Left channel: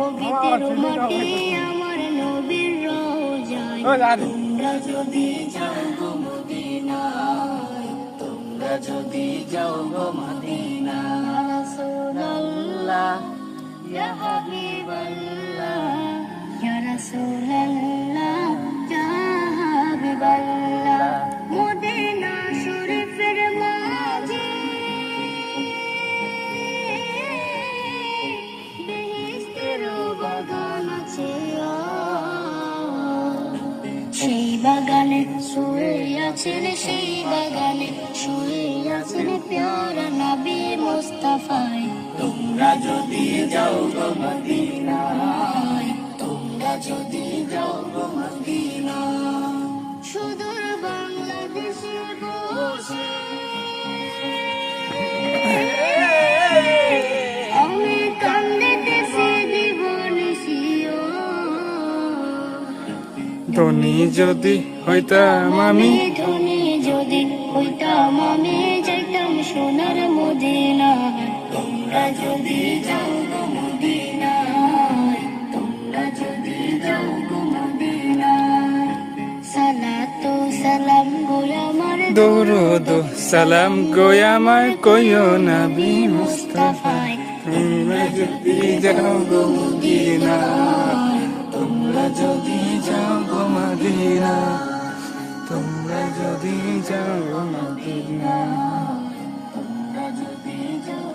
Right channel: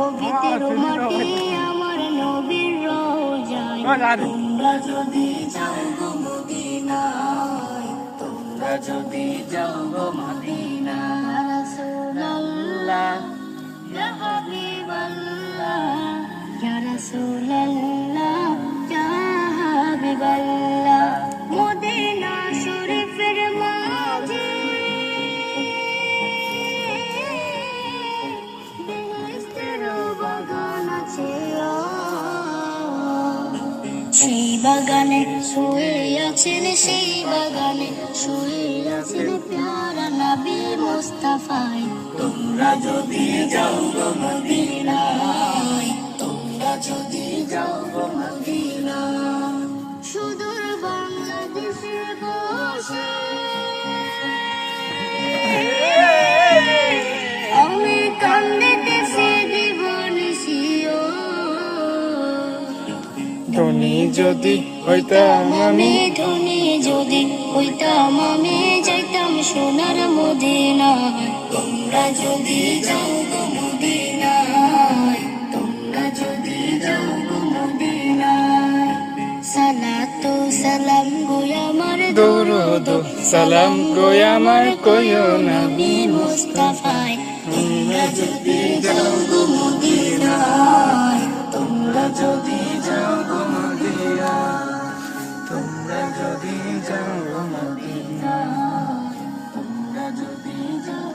পবিত্র মাটি আমার নবীর রওজায় তোমরা যদি যাও গো মদিনায় তোমরা যদি যাও গো মদিনায় ইয়া রাসূলুল্লাহ ইয়া হাবিবাল্লাহ ইয়া রাসূলুল্লাহ ইয়া হাবিবাল্লাহ মদিনা শরীফের মাঝে বেহেশতের বাগান আছে সেই বাগানে শুয়ে আছেন সেই বাগানে শুয়ে আছেন প্যারা নবী মুস্তাফায় তোমরা যদি যাও গো মদিনায় তোমরা যদি যাও গো মদিনায় সুদূর বাংলাদেশে বসে আমি কান্দিতেছি দিবানিশিও ধনী যদি হইতাম আমি ধনী যদি হইতাম আমি যাইতাম সোনার মদিনায় তোমরা যদি যাও গো মদিনায় তোমরা যদি যাও গো মদিনায় সালাতু সালাম গো আমার দরুদ সালাম গো আমার কইও নবী মুস্তাফায় তোমরা যদি যাও গো মদিনায় তোমরা যদি যাও গো মদিনায় তোমরা যদি যাও গো মদিনায় তোমরা যদি যাও